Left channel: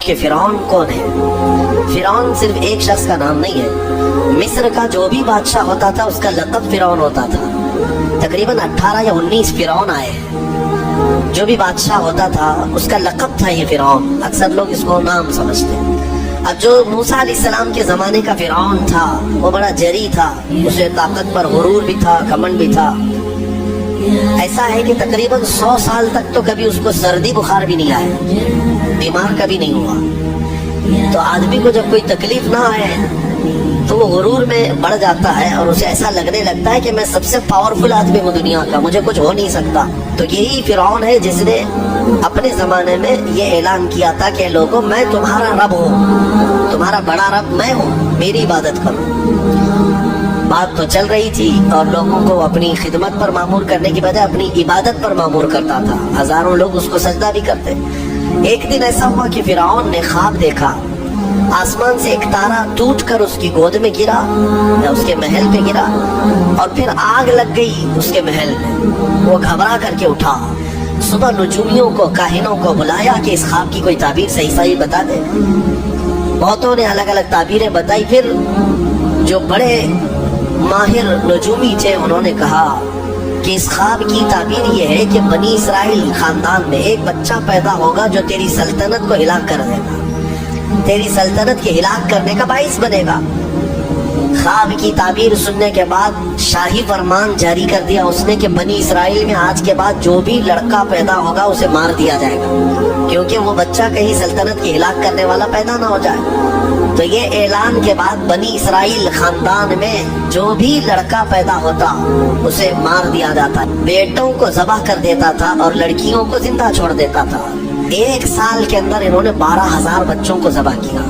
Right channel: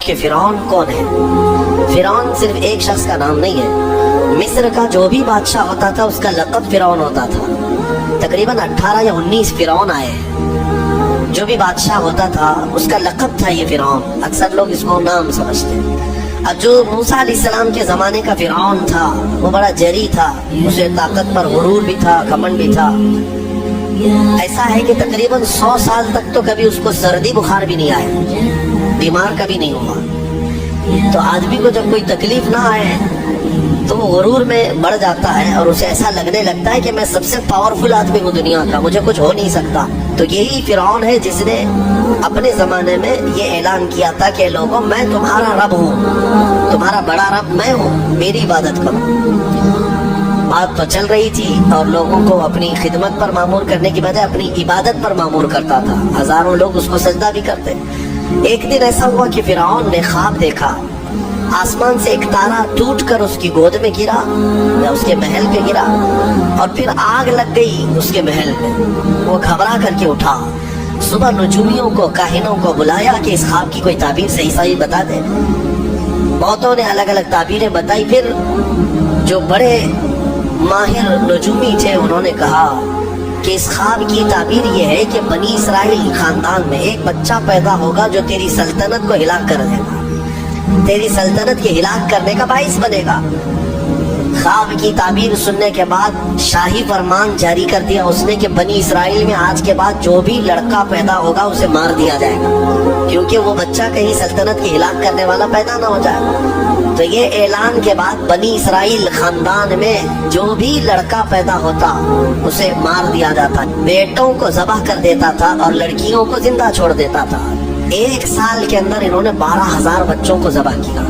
کہ فرعون کون ہے؟ فرعون صرف ایک شخص کا نام نہیں ہے. مصر کا جو بھی بادشاہ ہوتا تھا اس کا لقب فرعون ہوتا تھا. تقریباً 18 یا 19 فرعون آئے ہیں. جو بھی بادشاہ ہوتا تھا اس کا لقب تھا یہ فرعون. اکثر لوگ اس کو نام سمجھتے ہیں. اب جو موسیٰ علیہ السلام کے زمانے کا فرعون تھا وہ بڑا جری تھا. اسے طاقت پر غرور بھی تھا، گھمنڈ بھی تھا. ایسا ہے کہ تقریباً 100 سال تک تو کبھی اس کو سردی بخار بھی نہیں آیا، بیمار کبھی نہیں ہوا. تو آدمی کو جب کوئی تکلیف نہ آئے تو وہ غرور میں بڑھ جاتا ہے اور اسے ایسا لگنے لگتا ہے کہ میں سب سے پاورفل آدمی ہوں دنیا کا، مجھے کچھ ہو نہیں سکتا. تو یہی فرعون ہے جس نے اپنے زمانے میں یہ اعلان کیا تھا کہ لوگوں میں تمہارا رب ہوں، تمہارا بڑا رب میں ہوں، میری عبادت کرو. بات تو چل رہی تھی اور لوگوں کو اپنی خدمت پر معمور کرنے کی بجائے اپنی عبادت پر معمور کرتا تھا. ہزاروں لوگ اس کو سجدہ بھی کرتے. ایک دن ایسا ہوا کہ فرعون نے خواب دیکھا، آسمان سے ایک تارا ٹوٹ کر اس کی گود میں گرا یا اس کے محل پہ گرا اور پھر آگ لگ گئی اس کے محل میں. وہ گھبرا کر کے اٹھا. صبح نجومیوں کو، کاہنوں کو بلایا کہ اس خواب کی کوئی تعبیر صحیح بتا دے. بہتوں نے الگ الگ تعبیریں بتائی. پھر جو بڑے ماہر نجومی تھے انہوں نے کہا کہ اس خواب کی تعبیر یہ ہے کہ بنی اسرائیل خاندان میں ایک بچہ پیدا ہوگا جو تیری سلطنت کو ہلاک کر دے گا، تیری سلطنت کے ہلاک کرنے کا باعث بنے گا. خواب کی تعبیر سننے کے بعد شاہی فرمان جاری کر دیا اس نے کہ بنی اسرائیل میں آج کے بعد جو بھی لڑکا پیدا ہوگا اسے مار دیا جائے گا، کیونکہ وہ بچہ کہیں سلطنت کے ہلاک کرنے والا پیدا نہ ہو جائے. تو یہ اعلان کے بعد بنی اسرائیل خاندان میں جو بھی لڑکا پیدا ہوتا اسے مار دیا جاتا. بیٹوں کو ذبح کر دیتا تھا اور لڑکیوں کو زندہ چھوڑ دیتا تھا. 1 سال کے اندر انہوں نے 12,000 بچوں کو ذبح کیا.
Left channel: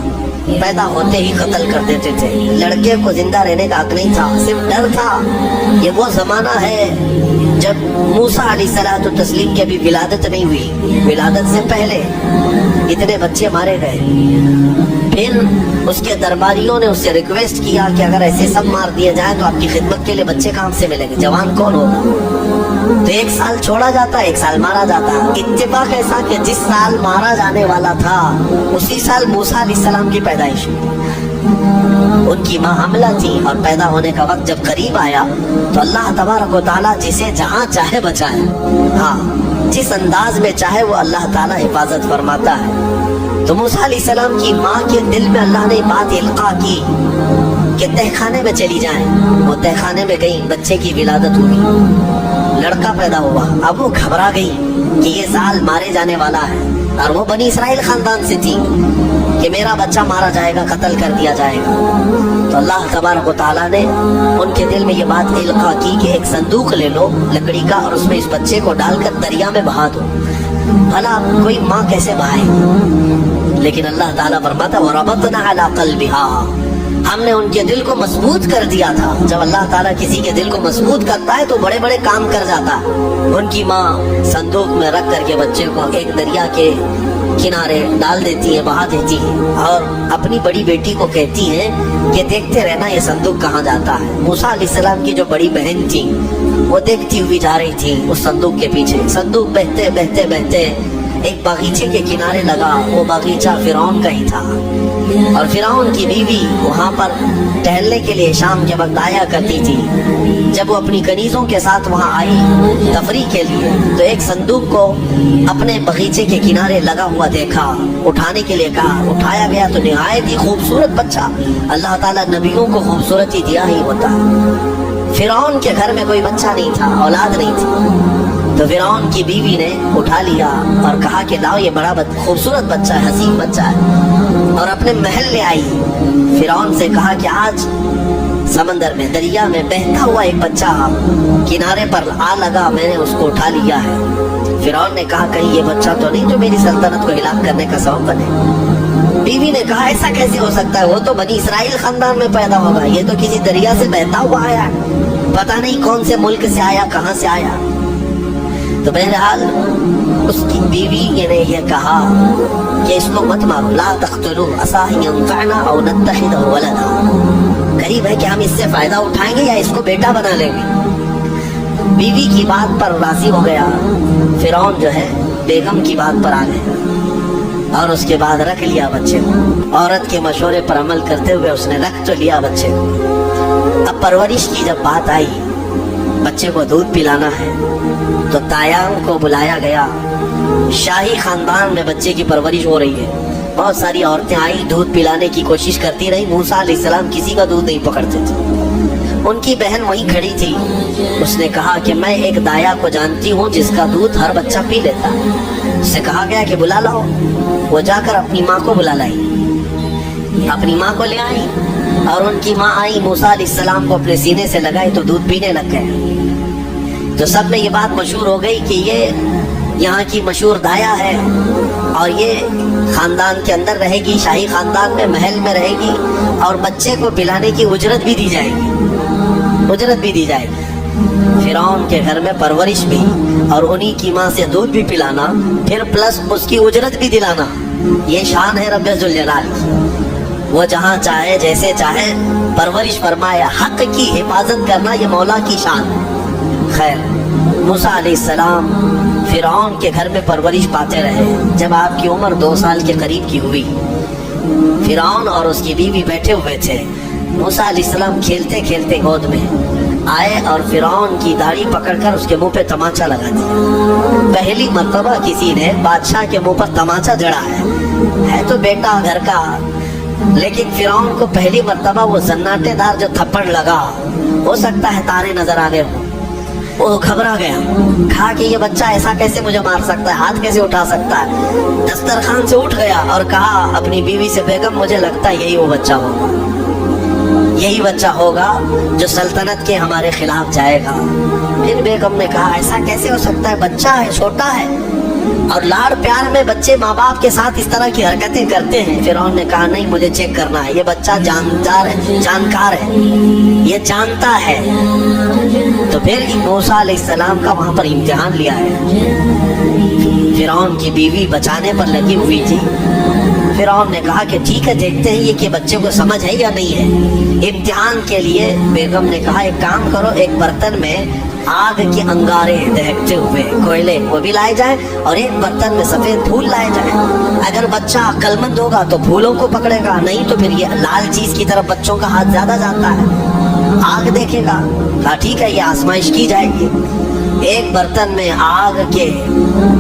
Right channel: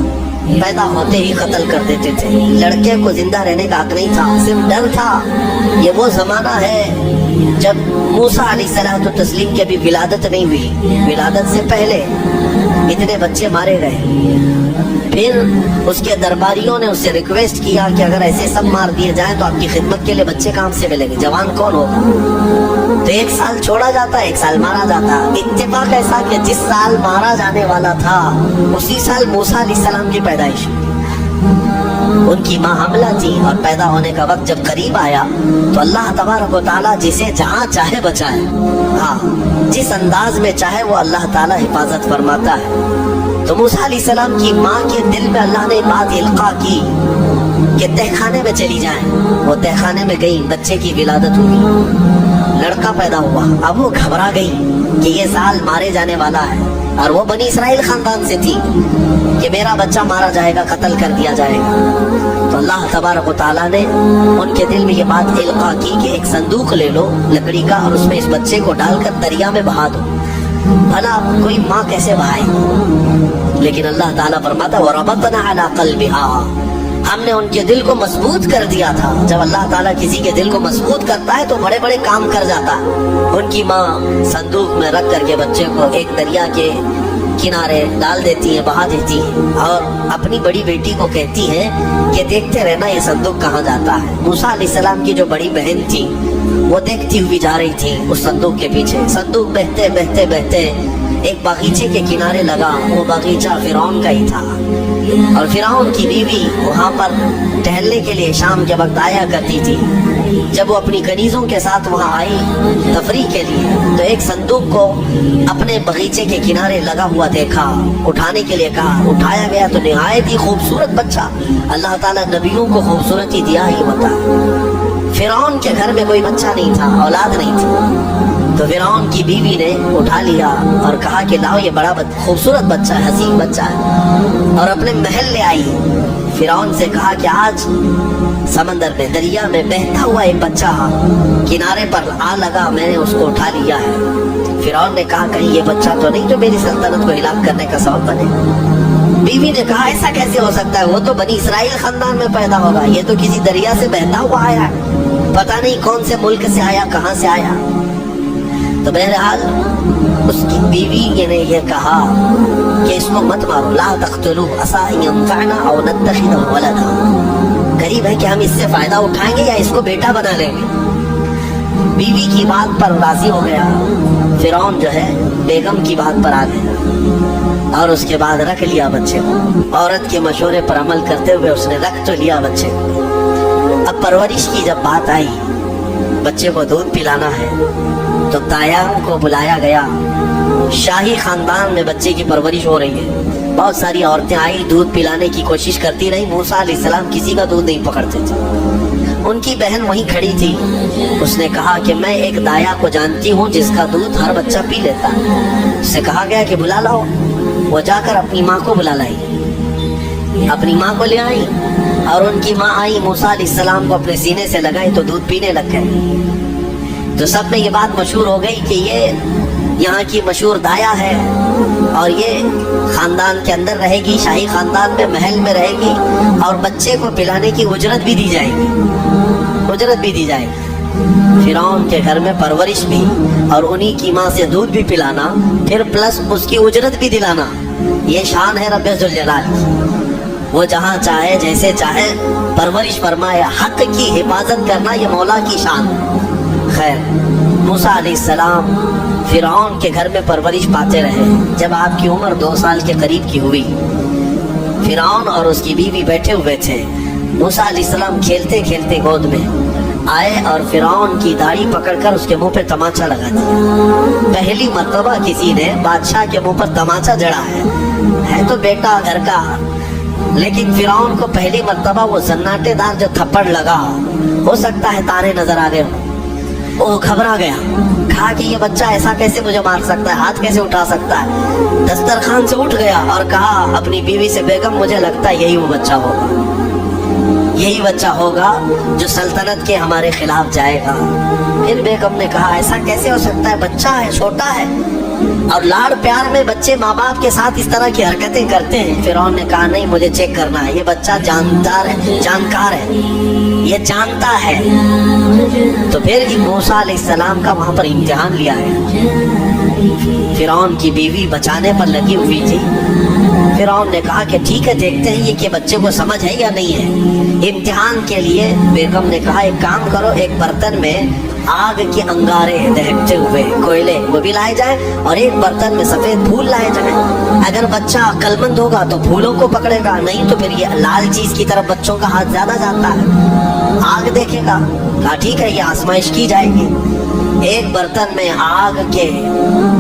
پیدا ہوتے ہی قتل کر دیتے تھے. لڑکے کو زندہ رہنے کا حق نہیں تھا، صرف ڈر تھا. یہ وہ زمانہ ہے جب موسیٰ علیہ السلام تسلیم کی ابھی ولادت نہیں ہوئی. ولادت سے پہلے اتنے بچے مارے گئے. پھر اس کے درباریوں نے اس سے ریکویسٹ کیا کہ اگر ایسے سب مار دیے جائیں تو آپ کی خدمت کے لیے بچے کہاں سے ملیں گے، جوان کون ہوگا؟ تو 1 سال چھوڑا جاتا، 1 سال مارا جاتا. اتفاق ایسا کہ جس سال مارا جانے والا تھا اسی سال موسیٰ علیہ السلام کی پیدائش ہوئی. ان کی ماں حاملہ تھی اور پیدا ہونے کا وقت جب قریب آیا تو اللہ تبارک و تعالیٰ جسے جہاں چاہے بچائے. ہاں، جس انداز میں چاہے وہ اللہ تعالیٰ حفاظت فرماتا ہے. تو موسیٰ علیہ السلام کی ماں کے دل میں اللہ نے بات القاء کی کہ تہخانے میں چلی جائیں. وہ تہخانے میں گئی، بچے کی ولادت ہوئی، لڑکا پیدا ہوا. اب وہ گھبرا گئی کہ یہ سال مارے جانے والا ہے اور وہ بنی اسرائیل خاندان سے تھی کہ میرا بچہ مارا جائے گا، قتل کر دیا جائے گا. تو اللہ تبارک و تعالیٰ نے ان کے دل میں یہ بات القاء کی کہ ایک صندوق لے لو لکڑی کا اور اس میں اس بچے کو ڈال کر دریا میں بہا دو. بھلا کوئی ماں کیسے بہائے؟ لیکن اللہ تعالیٰ فرماتا ہے وَرَبَطْنَا عَلَىٰ قَلْبِهَا، ہم نے ان کے دل کو مضبوط کر دیا تھا. جب اللہ تعالیٰ کسی کے دل کو مضبوط کرتا ہے تو بڑے بڑے کام کر جاتا ہے. ان کی ماں صندوق میں رکھ کر کے بچے کو ایک دریا کے کنارے ڈال دیتی ہے، بہا دیتی ہے اور اپنی بڑی بیٹی کو کہتی ہے کہ دیکھتے رہنا یہ صندوق کہاں جاتا ہے. موسیٰ علیہ السلام کی جو بڑی بہن تھی وہ دیکھتی ہوئی جا رہی تھی اس صندوق کے پیچھے. صندوق بہتے بہتے بہتے ایک باغیچے کے کنارے لگا. وہ باغیچہ فرعون کا ہی تھا اور فرعون کی بیوی وہاں پر ٹہلنے کے لیے شام کے وقت آیا کرتی تھی. جب وہ اپنی کنیزوں کے ساتھ وہاں آئی تفریح کے لیے تو ایک صندوق کو اپنے باغیچے کے کنارے لگا ہوا دیکھا. اٹھانے کے لیے کہا، اٹھایا گیا تو نہایت ہی خوبصورت بچہ. اللہ تعالیٰ نبیوں کو خوبصورتی دیا ہی ہوتا. فرعون کے گھر میں کوئی بچہ نہیں تھا، اولاد نہیں تھی. تو فرعون کی بیوی نے اٹھا لیا اور کہا کہ لاؤ یہ بڑا خوبصورت بچہ ہے، حسین بچہ ہے، اور اپنے محل لے آئی. فرعون سے کہا کہ آج سمندر میں، دریا میں بہتا ہوا ایک بچہ کنارے پر آ لگا، میں نے اس کو اٹھا لیا ہے. فرعون نے کہا کہیں یہ بچہ تو نہیں جو میری سلطنت کو ہلاک کرنے کا سبب بنے. بیوی نے کہا ایسا کیسے ہو سکتا ہے، وہ تو بنی اسرائیل خاندان میں پیدا ہوگا، یہ تو کسی دریا سے بہتا ہوا آیا ہے، پتہ نہیں کون سے ملک سے آیا، کہاں سے آیا. تو بہرحال اس کی بیوی نے یہ کہا کہ اس کو مت مارو، لا تقتلوه عسى ان ينفعنا او نتخذه ولدا، قریب ہے کہ ہم اس سے فائدہ اٹھائیں گے یا اس کو بیٹا بنا لیں گے. بیوی کی بات پر راضی ہو گیا. فرعون جو ہے بیگم کی بات پر آ گیا. اور اس کے بعد رکھ لیا بچے کو. عورت کے مشورے پر عمل کرتے ہوئے اس نے رکھ تو لیا بچے کو. اب پرورش کی جب بات آئی, بچے کو دودھ پلانا ہے, تو دایام کو بلایا گیا. شاہی خاندان میں بچے کی پرورش ہو رہی ہے. بہت ساری عورتیں آئی, دودھ پلانے کی کوشش کرتی رہی. موسیٰ علیہ السلام کسی کا دودھ نہیں پکڑتے تھے. ان کی بہن وہیں کھڑی تھی. اس نے کہا کہ میں ایک دایا کو جانتی ہوں جس کا دودھ ہر بچہ پی لیتا ہے. اس سے کہا گیا کہ بلا لاؤ. وہ جا کر اپنی ماں کو بلا لائی, اپنی ماں کو لے آئی, اور ان کی ماں آئی, موسیٰ علیہ السلام کو اپنے سینے سے لگائی تو دودھ پینے لگ گئے. تو سب میں یہ بات مشہور ہو گئی کہ یہ یہاں کی مشہور دایا ہے, اور یہ خاندان کے اندر رہے گی, شاہی خاندان میں محل میں رہے گی, اور بچے کو پلانے کی اجرت بھی دی جائے گی, اجرت بھی دی جائے گی. فرعون کے گھر میں پرورش بھی, اور انہی کی ماں سے دودھ بھی پلانا, پھر پلس اس کی اجرت بھی دلانا. یہ شان ہے رب ذوالجلال کی. وہ جہاں چاہے جیسے چاہے پرورش فرمائے. حق کی حفاظت کرنا یہ مولا کی شان. خیر, موسیٰ علیہ السلام فرعون کے گھر میں پرورش پاتے رہے. جب آپ کی عمر 2 سال کے قریب کی ہوئی, فرعون اور اس کی بیوی بیٹھے ہوئے تھے. موسیٰ علیہ السلام کھیلتے کھیلتے گود میں آئے اور فرعون کی داڑھی پکڑ کر اس کے منہ پہ تماچا لگا دیا. پہلی مرتبہ کسی نے بادشاہ کے منہ پر تماچا جڑا ہے تو بیٹا گھر کا, لیکن فرعون کو پہلی مرتبہ وہ زناٹے دار جو تھپڑ لگا, ہو سکتا ہے تارے نظر آ گئے. وہ گھبرا گیا, کہا کہ یہ بچہ ایسا کیسے مجھے مار سکتا ہے, ہاتھ کیسے اٹھا سکتا ہے. دسترخوان سے اٹھ گیا اور کہا اپنی بیوی سے, بیگم مجھے لگتا ہے یہی وہ بچہ ہوگا, یہی بچہ ہوگا جو سلطنت کے ہمارے خلاف جائے گا. پھر بیگم نے کہا ایسا کیسے ہو سکتا ہے, بچہ ہے, چھوٹا ہے, اور لاڑ پیار میں بچے ماں باپ کے ساتھ اس طرح کی حرکتیں کرتے ہیں. فرعون نے کہا نہیں, مجھے چیک کرنا ہے, یہ بچہ جاندار ہے, جانکار ہے, یہ جانتا ہے. تو پھر موسیٰ علیہ السلام کا وہاں پر امتحان لیا گیا. فرعون کی بیوی بچانے پر لگی ہوئی تھی. فرعون نے کہا کہ ٹھیک ہے, دیکھتے ہیں یہ کہ بچے کو سمجھ ہے یا نہیں ہے. امتحان کے لیے بیگم نے کہا ایک کام کرو, ایک برتن میں آگ کے انگارے دہکتے ہوئے کوئلے وہ بھی لائے جائیں, اور ایک برتن میں سفید پھول لائے جائیں. اگر بچہ عقل مند ہوگا تو پھولوں کو پکڑے گا, نہیں تو پھر یہ لال چیز کی طرف بچوں کا ہاتھ زیادہ جاتا ہے, آگ دیکھے گا. کہا ٹھیک ہے, یہ آزمائش کی جائے گی. ایک برتن میں آگ کے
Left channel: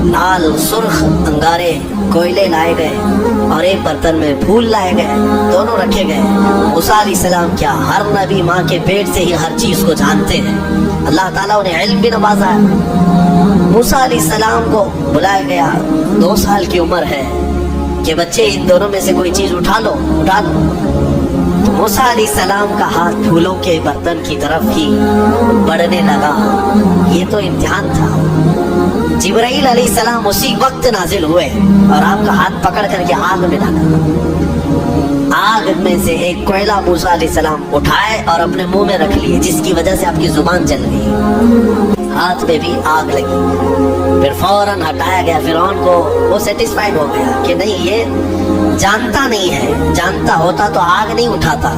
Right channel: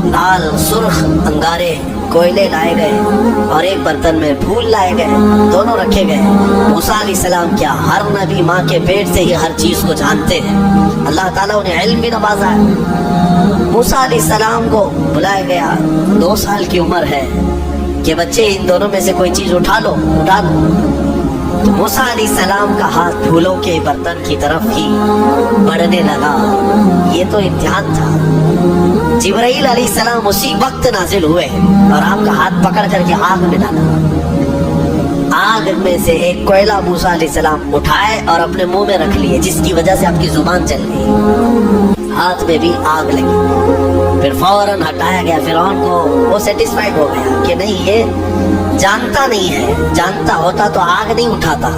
لال سرخ انگارے کوئلے لائے گئے, اور ایک برتن میں پھول لائے گئے, دونوں رکھے گئے. موسیٰ علیہ السلام کیا ہر نبی ماں کے پیٹ سے ہی ہر چیز کو جانتے ہیں, اللہ تعالیٰ انہیں علم بھی نوازا ہے. موسیٰ علیہ السلام کو بلایا گیا, 2 سال کی عمر ہے, کہ بچے ان دونوں میں سے کوئی چیز اٹھا لو, اٹھا لو. تو موسیٰ علیہ السلام کا ہاتھ پھولوں کے برتن کی طرف ہی بڑھنے لگا. یہ تو امتحان تھا. جبرائیل علیہ السلام اسی وقت نازل ہوئے اور آپ کا ہاتھ پکڑ کر کے آگ میں ڈالا. آگ میں سے ایک کوئلہ موسیٰ علیہ السلام اٹھائے اور اپنے منہ میں رکھ لیے, جس کی وجہ سے آپ کی زبان جل گئی, ہاتھ میں بھی آگ لگی. پھر فوراً ہٹایا گیا. فرعون کو وہ سیٹسفائیڈ ہو گیا کہ نہیں, یہ جانتا نہیں ہے, جانتا ہوتا تو آگ نہیں اٹھاتا.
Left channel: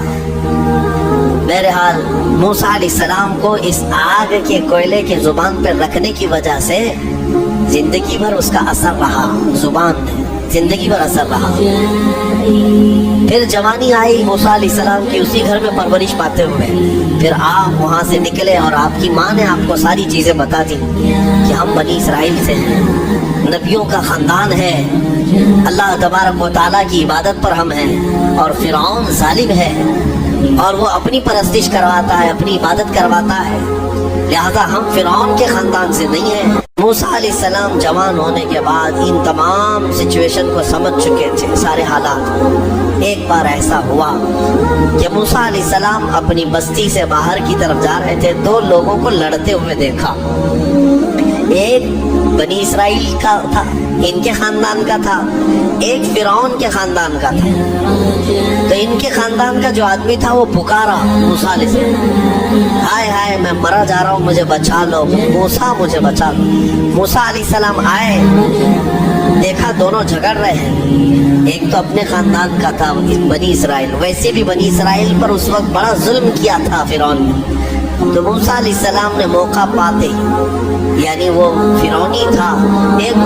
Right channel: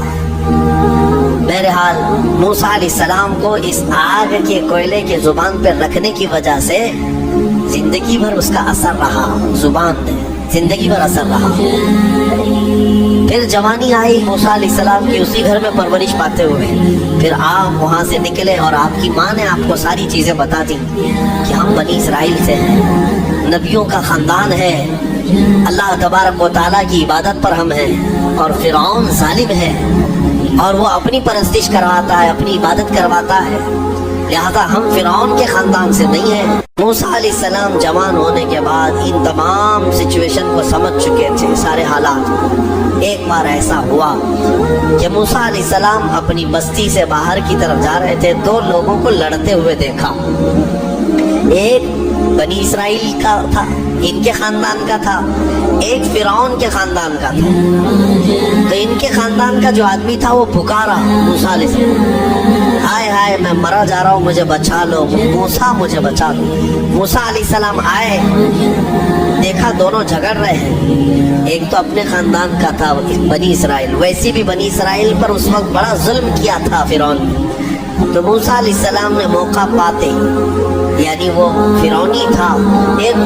بہرحال موسیٰ علیہ السلام کو اس آگ کے کوئلے کے زبان پر رکھنے کی وجہ سے زندگی بھر اس کا اثر رہا, زبان نے زندگی بھر اثر رہا. پھر جوانی آئی موسیٰ علیہ السلام کی اسی گھر میں پرورش پاتے ہوئے. پھر آپ وہاں سے نکلے اور آپ کی ماں نے آپ کو ساری چیزیں بتا دی کہ ہم بنی اسرائیل سے ہیں, نبیوں کا خاندان ہے, اللہ تبارک و تعالیٰ کی عبادت پر ہم ہیں, اور فرعون ظالم ہے اور وہ اپنی پرستش کرواتا ہے, اپنی عبادت کرواتا ہے, لہذا ہم فرعون کے خاندان سے نہیں ہیں. موسیٰ علیہ السلام جوان ہونے کے بعد ان تمام سچویشن کو سمجھ چکے تھے, سارے حالات. ایک بار ایسا ہوا کہ موسیٰ علیہ السلام اپنی بستی سے باہر کی طرف جا رہے تھے, 2 لوگوں کو لڑتے ہوئے دیکھا. ایک بنی اسرائیل کا تھا, ان کے خاندان کا تھا, ایک فرعون کے خاندان کا تھا. تو ان کے خاندان کا جو آدمی تھا وہ پکارا موسیٰ علیہ السلام, ہائے ہائے میں مرا جا رہا ہوں, مجھے بچا لو, موسیٰ مجھے بچا لو. موسیٰ علیہ السلام آئے, دیکھا دونوں جھگڑ رہے ہیں. ایک تو اپنے خاندان کا تھا بنی اسرائیل, ویسے بھی بنی اسرائیل پر اس وقت بڑا ظلم کیا تھا فرعون نے. تو موسیٰ علیہ السلام نے موقع پاتے, یعنی وہ فرعونی تھا, ایک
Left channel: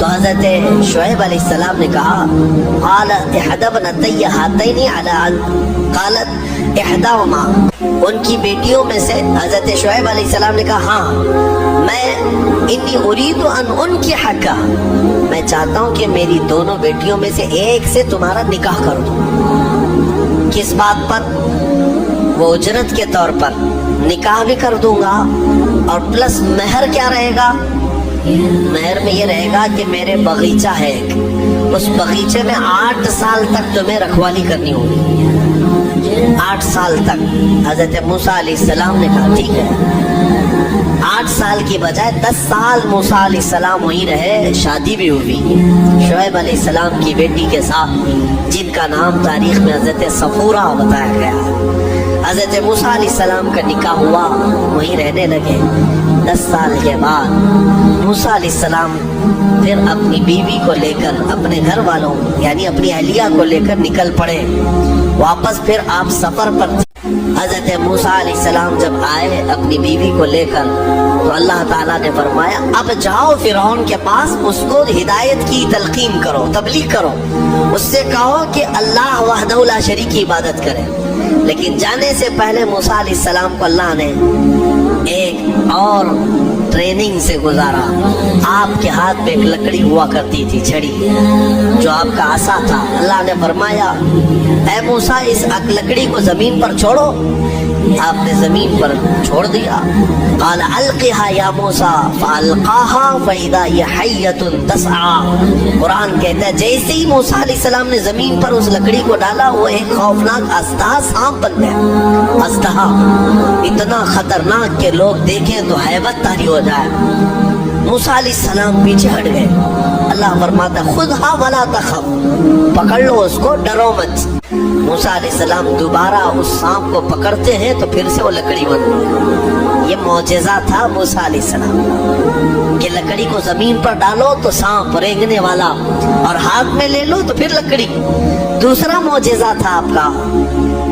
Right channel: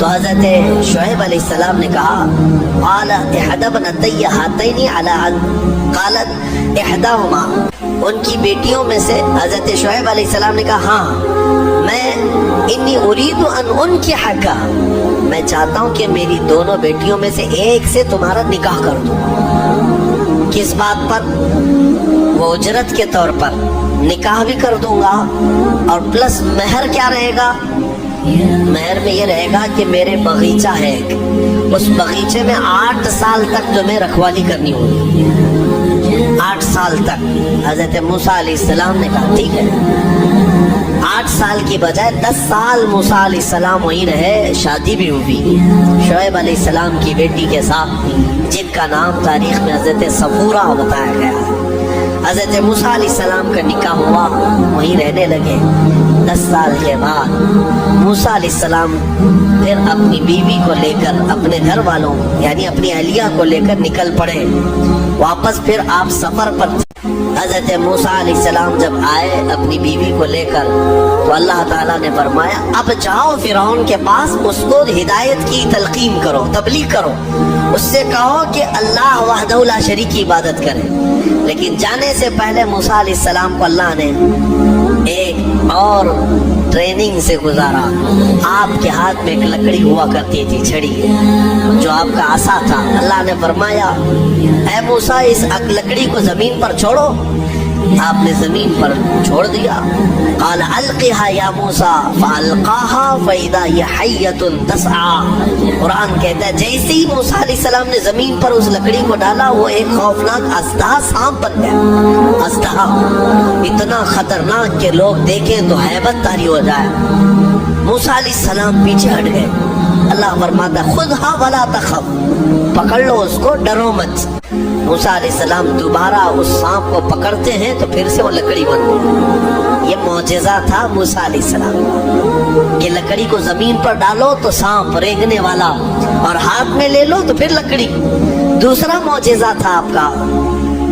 تو حضرت شعیب علیہ السلام نے کہا قال احدى ابنتي هاتين على قالت احداهما، ان کی بیٹیوں میں سے حضرت شعیب علیہ السلام نے کہا ہاں میں انی اريد ان انکحک، میں چاہتا ہوں کہ میری دونوں بیٹیوں میں سے ایک سے تمہارا نکاح کر دوں۔ کس بات پر؟ وہ اجرت کے طور پر نکاح بھی کر دوں گا، اور پلس مہر کیا رہے گا؟ مہر میں یہ رہے گا کہ میرے باغیچہ ہے ایک، اس باغیچے میں 8 سال تک تمہیں رکھوالی کرنی ہوگی، 8 سال تک۔ حضرت موسیٰ علیہ السلام نے کہا ٹھیک ہے۔ 8 سال کی بجائے 10 سال موسیٰ علیہ السلام وہیں رہے، شادی بھی ہوئی شعیب علیہ السلام کی بیٹی کے ساتھ، جن کا نام تاریخ میں حضرت صفورہ بتایا گیا ہے۔ حضرت موسیٰ علیہ السلام کا نکاح ہوا، وہیں رہنے لگے۔ 10 سال کے بعد موسیٰ علیہ السلام پھر اپنی بیوی کو لے کر، اپنے گھر والوں یعنی اپنی اہلیہ کو لے کر نکل پڑے واپس۔ پھر آپ سفر پر تھے۔ حضرت موسیٰ علیہ السلام جب آئے اپنی بیوی کو لے کر، تو اللہ تعالیٰ نے فرمایا اب جاؤ فرعون کے پاس، اس کو ہدایت کی تلقین کرو، تبلیغ کرو، اس سے کہو کہ اللہ وحدہ لا شریک کی عبادت کرے۔ لیکن جانے سے پہلے موسیٰ علیہ السلام کو اللہ نے ایک اور ٹریننگ سے گزارا۔ آپ کے ہاتھ میں ایک لکڑی ہوا کرتی تھی، چھڑی، جو آپ کا عصا تھا۔ اللہ نے فرمایا اے موسیٰ اس لکڑی کو زمین پر چھوڑو۔ آپ نے زمین پر چھوڑ دیا۔ قال القها یا موسیٰ فالقاها فاذا هي حیۃ تسعى۔ قرآن کہتا ہے جیسے ہی موسیٰ علیہ السلام نے زمین پر اس لکڑی کو ڈالا، وہ ایک خوفناک اژدہا سانپ بن گیا۔ اژدہا اتنا خطرناک کہ لوگ دیکھیں تو ہیبت طاری ہو جائے۔ موسیٰ علیہ السلام پیچھے ہٹ گئے۔ اللہ فرماتا ہے خذھا ولا تخف، پکڑ لو اس کو، ڈرو مت۔ موسیٰ علیہ السلام دوبارہ اس سانپ کو پکڑتے ہیں تو پھر سے وہ لکڑی بن گئی۔ یہ معجزہ تھا موسیٰ علیہ السلام کہ لکڑی کو زمین پر ڈالو تو سانپ رینگنے والا، اور ہاتھ میں لے لو تو پھر لکڑی۔ دوسرا معجزہ تھا آپ کا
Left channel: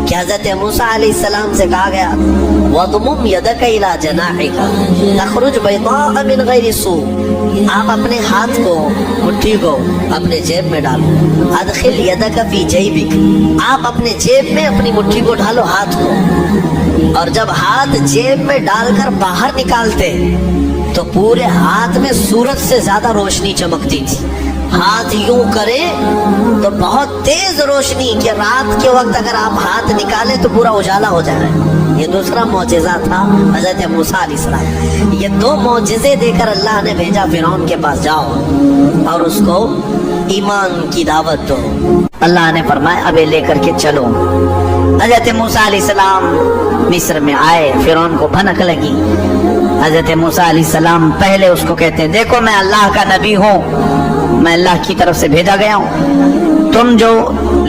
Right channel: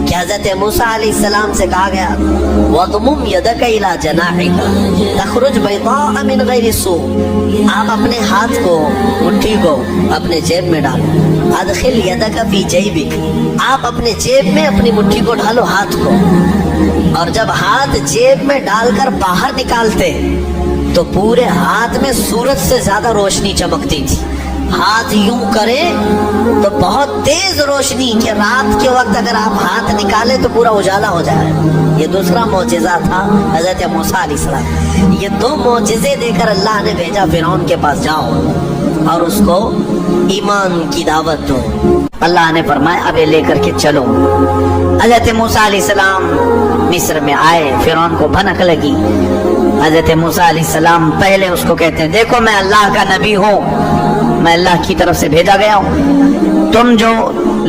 کہ حضرت موسیٰ علیہ السلام سے کہا گیا وَضْمُمْ يَدَكَ إِلَى جَنَاحِكَ تَخْرُجْ بَيْضَاءَ مِنْ غَيْرِ سُوءٍ۔ آپ اپنے ہاتھ کو، مٹھی کو اپنے جیب میں ڈالو۔ ادخل یدک فی جیبک، آپ اپنے جیب میں اپنی مٹھی کو ڈالو، ہاتھ کو، اور جب ہاتھ جیب میں ڈال کر باہر نکالتے تو پورے ہاتھ میں سورج سے زیادہ روشنی چمکتی تھی۔ ہاتھ یوں کرے تو بہت تیز روشنی کہ رات کے وقت اگر آپ ہاتھ نکالے تو پورا اجالا ہو جائے۔ یہ دوسرا معجزہ تھا حضرت موسیٰ علیہ السلام۔ یہ 2 معجزے دے کر اللہ نے بھیجا فرعون کے پاس، جاؤ اور اس کو ایمان کی دعوت دو۔ اللہ نے فرمایا اب لے کر کے چلو۔ حضرت موسیٰ علیہ السلام مصر میں آئے، فرعون کو بھنک لگی۔ حضرت موسیٰ علیہ السلام پہلے اس کو کہتے ہیں دیکھو میں اللہ کا نبی ہوں، میں اللہ کی طرف سے بھیجا گیا ہوں، تم جو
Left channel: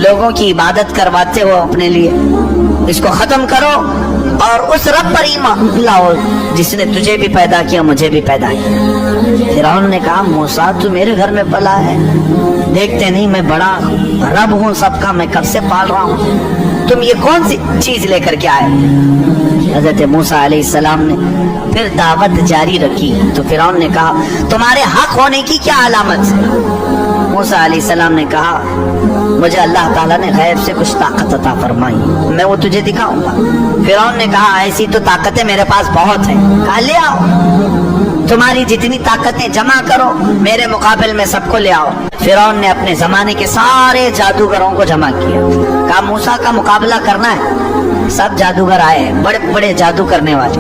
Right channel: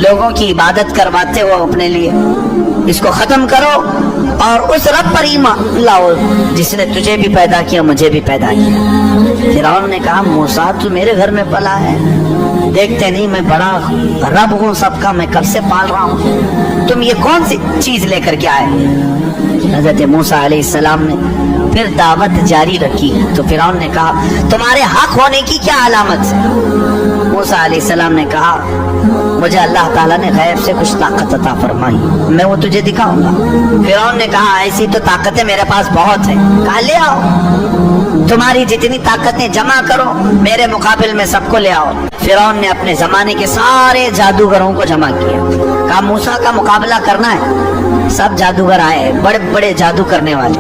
لوگوں کی عبادت کرواتے ہو اپنے لیے اس کو ختم کرو اور اس رب پر ایمان لاؤ جس نے تجھے بھی پیدا کیا مجھے بھی پیدا کیا۔ فرعون نے کہا موسیٰ تو میرے گھر میں پلا ہے، دیکھتے نہیں میں بڑا رب ہوں سب کا، میں کب سے پال رہا ہوں، تم یہ کون سی چیز لے کر کے آئے؟ حضرت موسیٰ علیہ السلام نے پھر دعوت جاری رکھی تو فرعون نے کہا تمہارے حق ہونے کی کیا علامت ہے؟ موسیٰ علیہ السلام نے کہا مجھے اللہ تعالیٰ نے غیب سے کچھ طاقت عطا فرمائی، میں وہ تجھے دکھاؤں گا۔ فرعون نے کہا ایسی تو طاقتیں میرے پاس بہت ہیں۔ کہا لے آؤ، تمہاری جتنی طاقتیں جمع کرو میرے مقابل میں سب کو لے آؤ۔ فرعون نے اپنے زمانے کے سارے جادوگروں کو جمع کیا، کہا موسیٰ کا مقابلہ کرنا ہے۔ سب جادوگر آئے، بڑے بڑے جادو کرنے والے،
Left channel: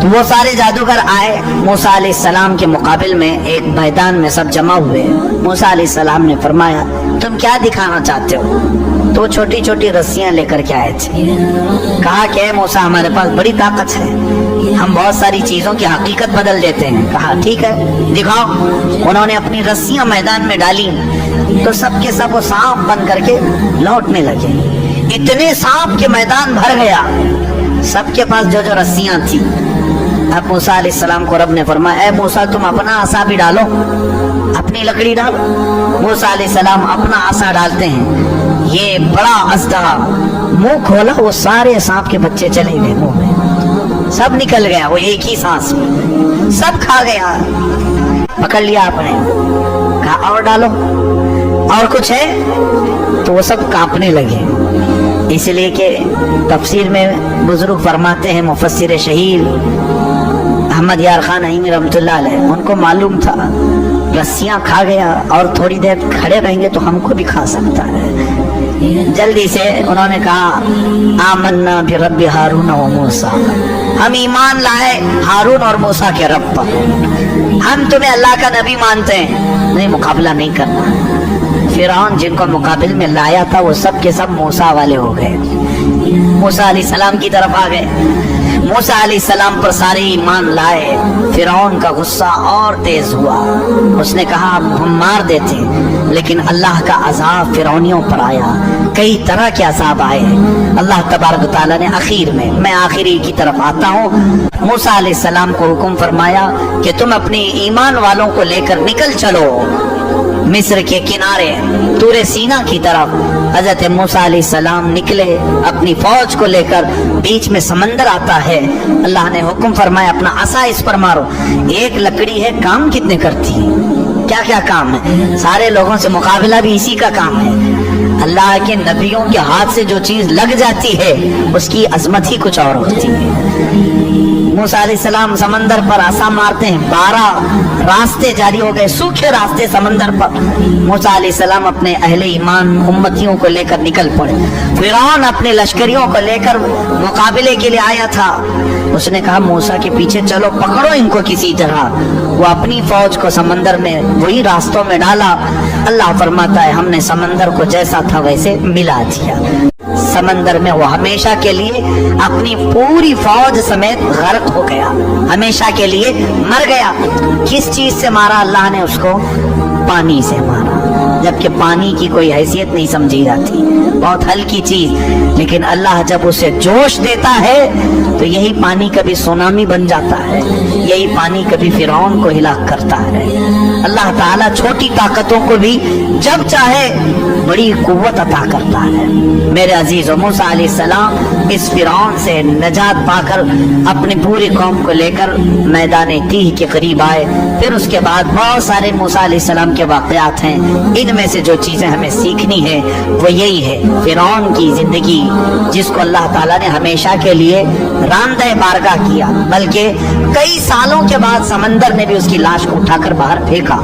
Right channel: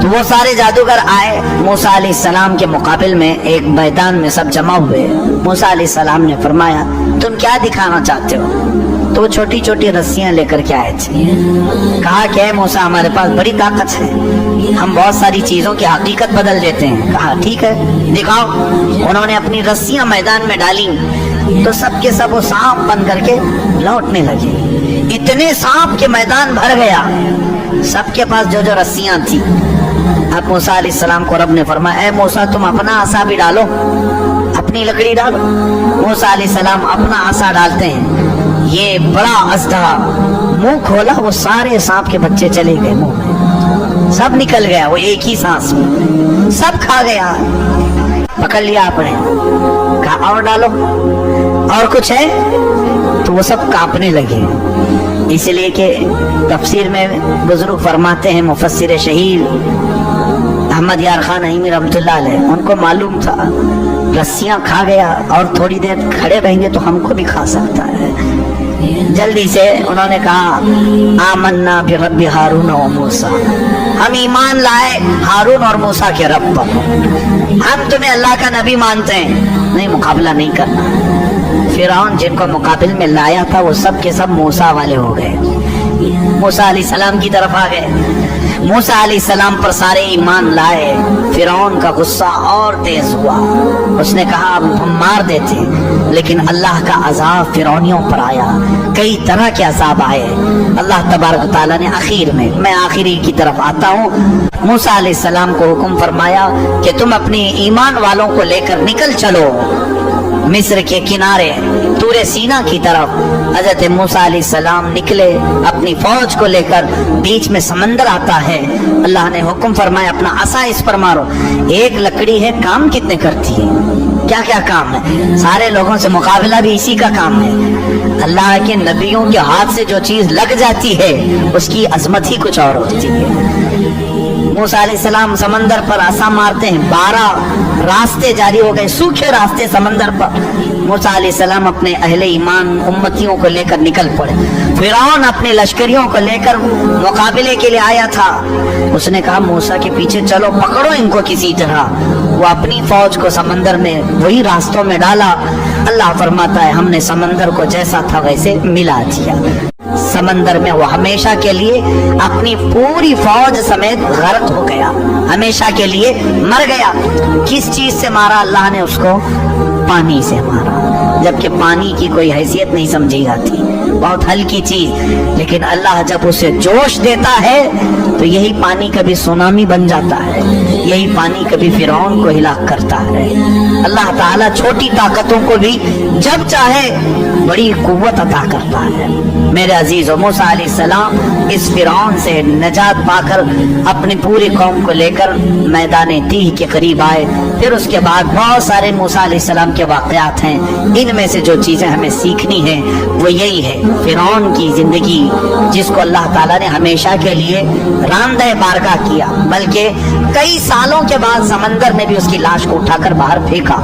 تو وہ سارے جادوگر آئے موسیٰ علیہ السلام کے مقابل میں ایک میدان میں سب جمع ہوئے۔ موسیٰ علیہ السلام نے فرمایا تم کیا دکھانا چاہتے ہو؟ تو وہ چھوٹی چھوٹی رسیاں لے کر کے آئے تھے۔ کہا کہ اے موسیٰ ہمارے پاس بڑی طاقت ہے، ہم بہت ساری چیزوں کی حقیقت بدل دیتے ہیں۔ کہا ٹھیک ہے دکھاؤ۔ انہوں نے اپنی رسیاں میدان میں ڈالی تو سب کے سب وہ سانپ بن کر کے لوٹنے لگے۔ اتنے سانپ کے میدان بھر گیا، سب کے پاس جو جو رسیاں تھیں۔ اب موسیٰ علیہ السلام کو رب نے فرمایا اے موسیٰ تم اپنا عصا بھی ڈالو، اپنی لکڑی ڈالو۔ موسیٰ علیہ السلام اپنا عصا ڈالتے ہیں، یہ بڑا اژدہا منہ کھولا، وہ سارے سانپ کے بچے چلے گئے، سب نکل گیا، وہ ایک ہی سانس میں سب کھا گیا، پکڑ لیا آپ نے۔ اور ڈالو، اور کچھ ہے، تو وہ سب کانپنے لگے. اس لیے کہ تفسیر میں بزرگ فرماتے ہیں، مفسر شہیر احمد یار خان نعیمی رحمۃ اللہ علیہ، ان کو معلوم تھا رسیاں کھا گیا اور تھوڑی دیر کھڑے رہیں گے تو ہم کو بھی کھا سکتا ہے. جلدی سے انہوں نے کہا آمنا برب ہارون و موسیٰ، ہم ایمان لائے ہارون اور موسیٰ کے رب پر، ہم تمہیں اللہ کا نبی مانتے ہیں، نہیں مقابلہ نہیں کرنا. فرعون جن کو مقابل میں لایا تھا وہ سب کے سب موسیٰ والے ہو گئے، موسیٰ علیہ السلام کی طرف آ گئے. موسیٰ علیہ السلام پر سارے ایمان لائے. فرعون کا غصہ اور تیز ہوا، اس نے کہا ہم مار دیتے، لیکن اللہ کا عذاب فرعونیوں پر آیا، کئی طرح کے عذاب آئے. اللہ تبارک و تعالیٰ نے آخر میں آخری کی طرف آتا ہوں، موسیٰ علیہ السلام کو حکم فرمایا کہ تم اپنے ایمان والوں کو لے کر نکل چلو مصر کے کنارے طور سینا کی طرف. حضرت موسیٰ علیہ السلام نکلے اپنی فوج کو لے کر، بیچ میں سمندر آتا ہے. اللہ نے حکم فرمایا اپنا عصا اس پر مارو. ایک لکڑی ہے، کام کتنے کرتی ہے، کیا کیا کام ہے، سارے لوگوں سے مقابلہ بھی اسی کا کام ہے. اللہ کے نبیوں کے ہاتھ سے جو چیز لگ جاتی ہے اس کی عظمت ہی کچھ اور ہوتی ہے. موسیٰ علیہ السلام سمندر پر عصا مارتے ہیں، 12 راستے جاری ہو گئے، سوکھے راستے سمندر پر. موسیٰ علیہ السلام اپنے اہل ایمان امتیوں کو لے کر نکل پڑے. فرعون اپنے لشکریوں کو لے کر مقابلے کے لیے آیا تھا. اس نے کہا موسیٰ کے پیچھے چلو، پکڑو ان کو کسی طرح. وہ اپنی فوج کو سمندر نے وہی راستوں میں ڈالا. اللہ فرماتا ہے ہم نے سمندر کو جیسا تھا ویسے ملا دیا. سمندر میں وہ ہمیشہ کے لیے اپنی پوری فوج سمیت غرق ہو گیا، ہمیشہ کے لیے مر گیا. کس چیز سے مارا اللہ نے اس کو؟ پانی سے مارا، جبکہ پانی کی کوئی حیثیت نہیں سمجھی جاتی، بہت ہلکی چیز. لیکن اللہ جب اسے جوش دیتا ہے تو یہی پانی کبھی سونامی بن جاتا ہے، یہی پانی کبھی فرعون کو ہلاک کرتا ہے. اللہ تعالیٰ چھوٹی طاقتوں کو بھی جب چاہے بڑی قوت عطا کرتا ہے. میرے عزیز موسیٰ علیہ السلام اس فرعون سے نجات پا کر اپنے پوری قوم کو لے کر میدان تیہ کے قریب آئے. پھر اس کے بعد بہت سارے موسیٰ علیہ السلام کے واقعات ہیں. ان میں سے جو چیزیں ہمیں سیکھنی ہیں وہ یہی ہے، فرعون کی زندگی جس کو اللہ تعالیٰ نے ہمیشہ کے لیے راندہ بارگاہ کیا، بلکہ کئی سالوں کے بعد سمندر نے بھی اس کی لاش کو اٹھا کر باہر پھینکا.